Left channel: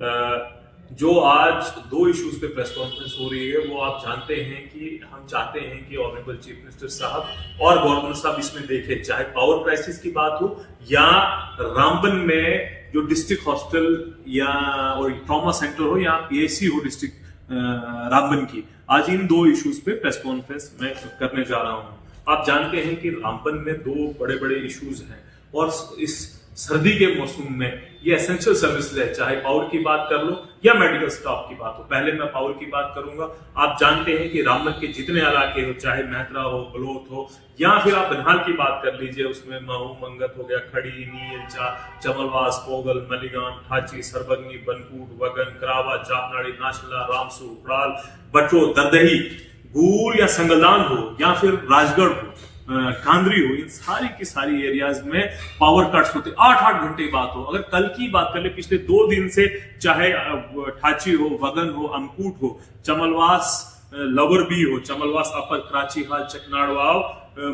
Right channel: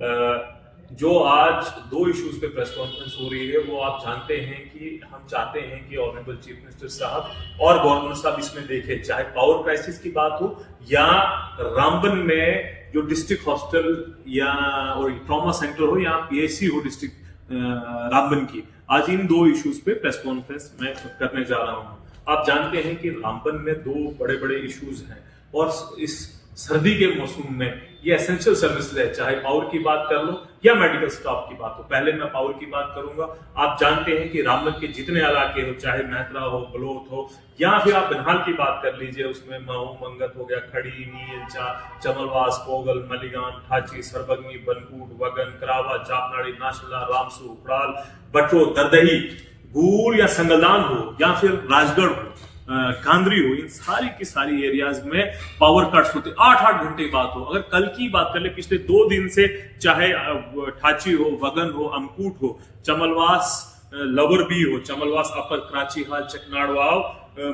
जो आज दो इश्यूज पे प्रेस कॉन्फ्रेंस हो रही है वो आप जानते हैं कि हम चाहते हैं कि ऑनरेबल चीफ मिनिस्टर साहब और गवर्नर साहब इसमें देखें, चाहे पावर क्राइसिस की बात हो या रामबन में जो डिस्ट्रिक्ट हॉस्टल या और ट्रॉमा सेंटर हो या पीएचसी हो डिस्ट्रिक्ट रामबन की। आज इन दो इश्यूज पे प्रेस कॉन्फ्रेंस मैं करने जा रहा हूं। आप जानते हैं कि रामबन में दो बड़े बड़े इश्यूज हैं और इस सर्दी के मौसम में ये एसेंशियल सर्विसेज है, चाहे पावर की बात कर लो या मेडिकल स्टाफ की बात हो। पहले मैं पावर की बात करूंगा। आप जानते हैं कि रामबन के जितने इलाके हो, चाहे मेहतरा हो, बलोत हो या फिर आप बनिहाल की बात कर लीजिए, उसमें महू, मंगत हो गया, खड़ी, नील, चमलवास, पोगल, मलिगान, ठाची, सरबगनी, बनकूट, वगन, करावा, चापनाड़ी, नाशला, रामसू, उपड़ाल, बटो, दरदही, गूल या संगलदान हो या फिर राजगढ़ हो, कांद्री हो, इन सारी की सारी एरियाज में पावर कट्स होते 8-8 घंटे बात हो। अगर कल की बात कर ले, पिछले 2 दिन से चाहे ठाची हो, वगन हो, अमकूट हो, चमलवास लवर बी हो, चमलवास अपर, कराची हाल, चकनाड़वाव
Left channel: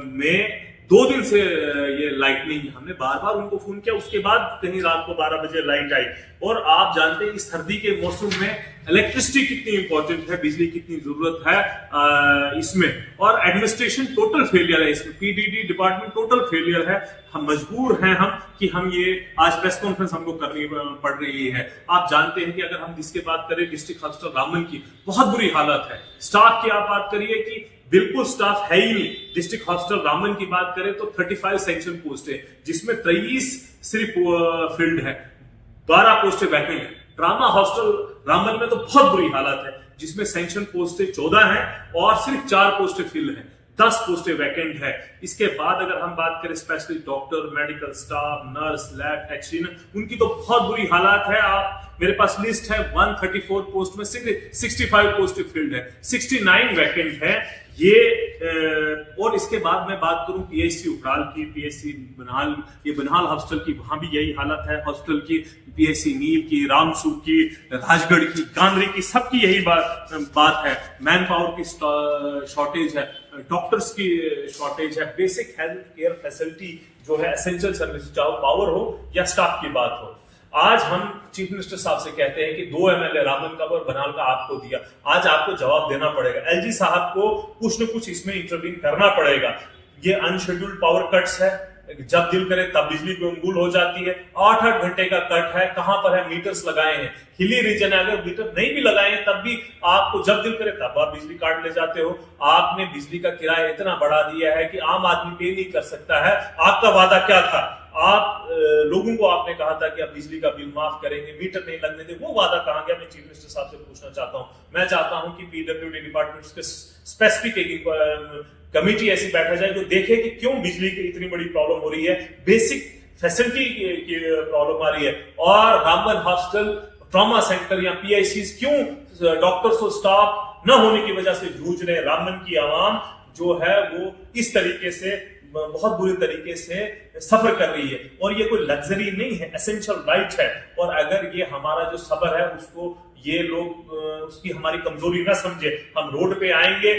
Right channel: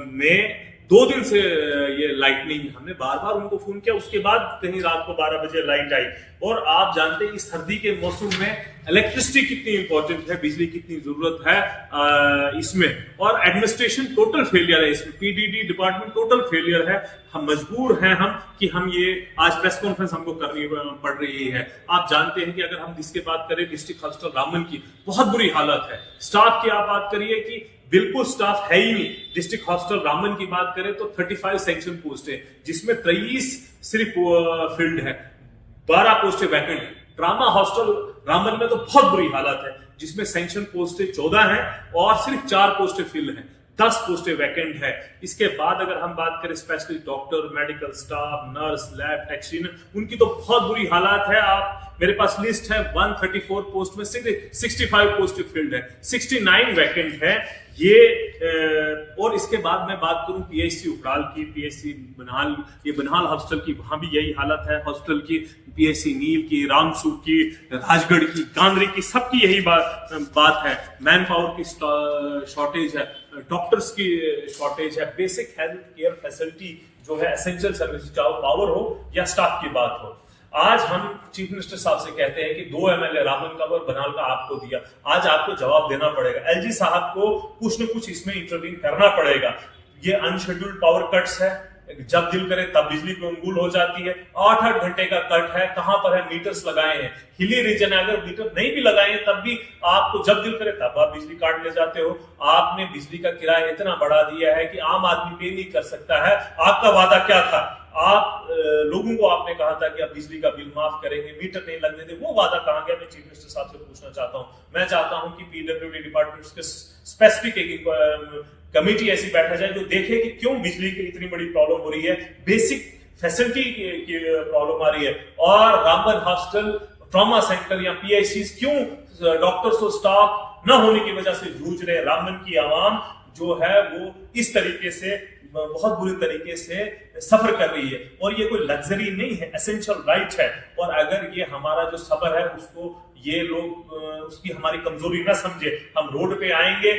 में 2 दिन से ये लाइट नहीं है। हमने बार बार उनको फोन किया, उसके बाद कहीं रात को 12 बजे लाइट आई। और आप जानते हैं इस सर्दी के मौसम में इलेक्ट्रिसिटी कितनी इंपॉर्टेंट है, बिजली कितनी जरूरत है इसमें। और एडमिनिस्ट्रेशन टोटल फेलियर है इसमें, पीडीडी डिपार्टमेंट टोटल फेलियर है। हम मजबूर हैं कि हम ये आज प्रेस कॉन्फ्रेंस हमको करनी पड़ रही है। आप जानते हैं कि अगर हम जिसकी बात करें डिस्ट्रिक्ट हॉस्पिटल रामबन की, बहुत बुरी हालत है। स्टाफ की आप बात करिए कि बिल्कुल स्टाफ है ही नहीं। डिस्ट्रिक्ट हॉस्पिटल रामबन की बात करें तो 35 सैंक्शन पोस्ट है, जिसमें 23 सिर्फ फील्ड है, 12 पोस्टें वैकेंट है। ट्रामा हॉस्टल रामबन में तो बहुत बुरी हालत है, जिसमें सैंक्शन पोस्टें 14 हैं और सिर्फ 4 पोस्टें फिल हैं, 10 पोस्टें वैकेंट है। इसके बाद अगर हम बात करें specially doctor, medical staff, nurse, lab technician, उनकी तो बहुत बुरी हालत है। आप मेरे पास लिस्ट है, 134 पोस्ट में 65 पोस्ट फील्ड है, 69 वैकेंट है ये। और इसके बाद मैं बात करूं पीएचसी उपराल की, पीएचसी बनिहाल, ये बनिहाल हॉस्टल की, वहां भी यही हालत है हॉस्टल की, पीएचसी नील की, रामसू की, राजगढ़ की, कांद्री की, सबकी यही बात है। मैन पावर की शॉर्टेज है, डॉक्टर्स की शॉर्टेज है, बेसिक हेल्थ केयर फैसिलिटी जो है एसेंशियल सर्विस, चाहे पावर हो या स्टाफ की बात हो। आज हम चीफ मिनिस्टर साहब से कहते हैं कि 2 एमएलए रामबन का और बनिहाल का आपको दिया, आज आपको जवाब देना पड़ेगा। एलजी साहब को कुछ न कुछ इसमें इंटरवीन करना पड़ेगा। ये अनशेड्यूल्ड पावर कट्स है, जब दिल करे तब बिजली गुल हो जाती है। 8-8 घंटे का कट है, कहां पर है, मीटर्स लगाए हैं। हिली रीजन है, अगर मीटर नहीं भी लगाए हैं तब भी आपको जब दिल करे तब आप बिजली काट ले जाते हो। आपने बिजली का किराया इतना बढ़ा दिया है कि आम आदमी पे नहीं कर सकता है। आपका वादा क्या था? आप लोगों को आपने कहा था कि आप बिजली का बिल माफ करेंगे, मीटर नहीं लगने दे, वो वादा कहां गया? मैं चीफ मिनिस्टर साहब से पूछना चाहता हूं। मैं चाहता हूं कि पीडब्ल्यूडी डिपार्टमेंट के स्पेसिफिक एक कमेटी ऐसी बैठा जाए जो देखे कि क्यों बिजली की इतनी बड़ी प्रॉब्लम हो रही है, बेसिक फैसिलिटी की प्रॉब्लम आ रही है। और रामबन हॉस्टल, ट्रॉमा सेंटर या पीआईसी क्यों डॉक्टर्स और स्टाफ न होने की वजह से जूझ रहे हैं। रामबन की आवाम जो है वो इस तरीके से बहुत बुरे तरीके से सफर कर रही है और ये कोई लग्जरी नहीं है, एसेंशियल राइट है। और अगर ये हमारा जो सफर है उसको ये लोग उसकी हमारी कमजोरी ना समझे, हम रोड पे आएंगे,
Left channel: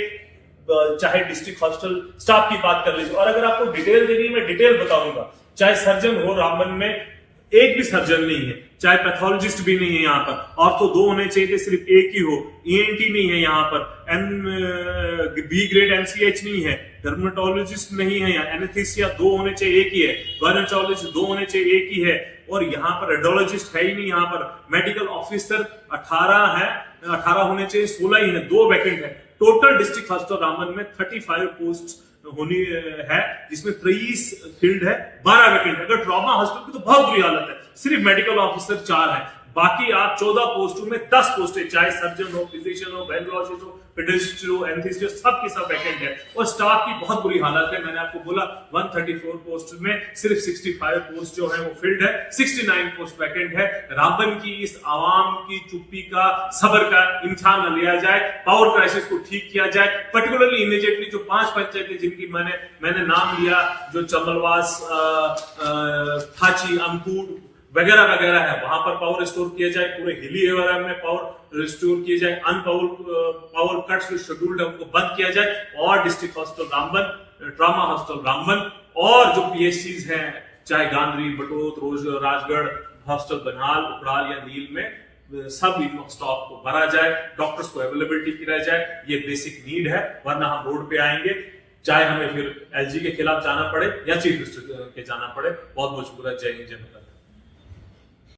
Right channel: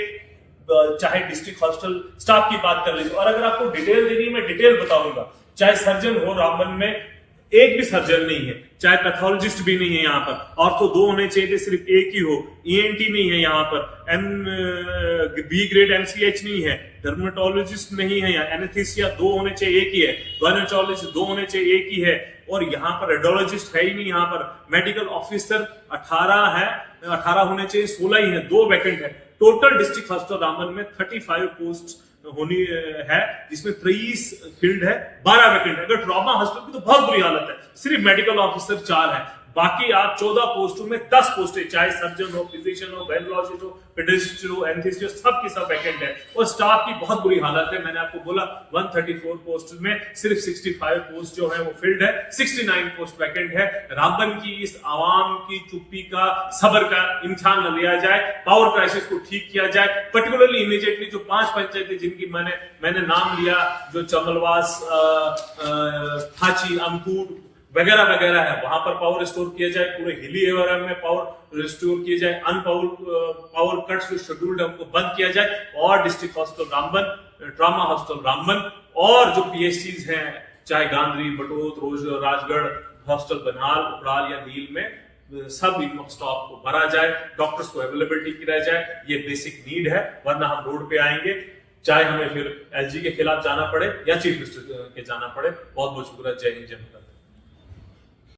चाहे डिस्ट्रिक्ट हॉस्पिटल स्टाफ की बात कर लीजिए। और अगर आपको डिटेल देनी है मैं डिटेल बताऊंगा। चाहे सर्जन हो, रामबन में एक भी सर्जन नहीं है, चाहे पैथोलॉजिस्ट भी नहीं है यहाँ पर, और तो 2 होने चाहिए, सिर्फ एक ही हो। ईएनटी नहीं है यहाँ पर, बी ग्रेड एमसीएच नहीं है, डर्मेटोलॉजिस्ट नहीं है यहाँ, एनेस्थीसिया 2 होने चाहिए, एक ही है, गायनेकोलॉजिस्ट 2 होने चाहिए, एक ही है। और यहाँ पर रेडियोलॉजिस्ट है ही नहीं। यहाँ पर मेडिकल ऑफिसर 18 है, 18 होने चाहिए, 16 ही है, 2 वैकेंट है। टोटल डिस्ट्रिक्ट हॉस्पिटल रामबन में 35 पोस्ट होनी है, जिसमें 23 फील्ड है, 12 वैकेंट है। अगर ट्रॉमा हॉस्पिटल की तो बहुत बुरी हालत है, सिर्फ मेडिकल ऑफिसर 4 है, बाकी आप 14 पोस्टों में 10 पोस्टें, चाहे सर्जन हो, फिजिशियन हो, गायनेकोलॉजिस्ट हो, पेडियाट्रिस्ट हो, एनेस्थीसिस्ट, सब की सब वैकेंट है। और स्टाफ की बहुत बुरी हालत है। मैंने आपको बोला 134 पोस्ट में सिर्फ 65 पोस्ट जो है वो फिल्ड है, 69 पोस्ट वैकेंट है। रामबन की इस आवाम की चुप्पी का, सबर का इम्तिहान न लिया जाए, पावर क्राइसिस को ठीक किया जाए। पर्टिकुलरली इमीडिएटली जो 5 पंचायतें जिनकी मैंने नाम लिया, जो चमलवास, थाची, अमकूट वगैरह वगैरह है, वहां पर पावर रिस्टोर किया जाए। पूरे हिली एरिया में पावर रिस्टोर किया जाए। पावर कट्स जो शेड्यूल्ड है उनको बंद किया जाए। और district hospital Ramban, trauma hospital Ramban और जो पीएचसीज हैं, चाहे गांधरी, बटोत, रोज, राजगढ़ हॉस्पिटल, बनिहाल, उपड़ाल या नील में सब स्टॉक को भरा जाए, डॉक्टर्स को अवेलेबिलिटी की रह जाए, ये बेसिक नीड है, वरना हम रोड पे आएंगे, चाहे हमें फिर एलजी के खिलाफ जाना पड़े या चीफ मिनिस्टर के जाना पड़े। बहुत बहुत शुक्रिया। जय हिंद, जय भारत।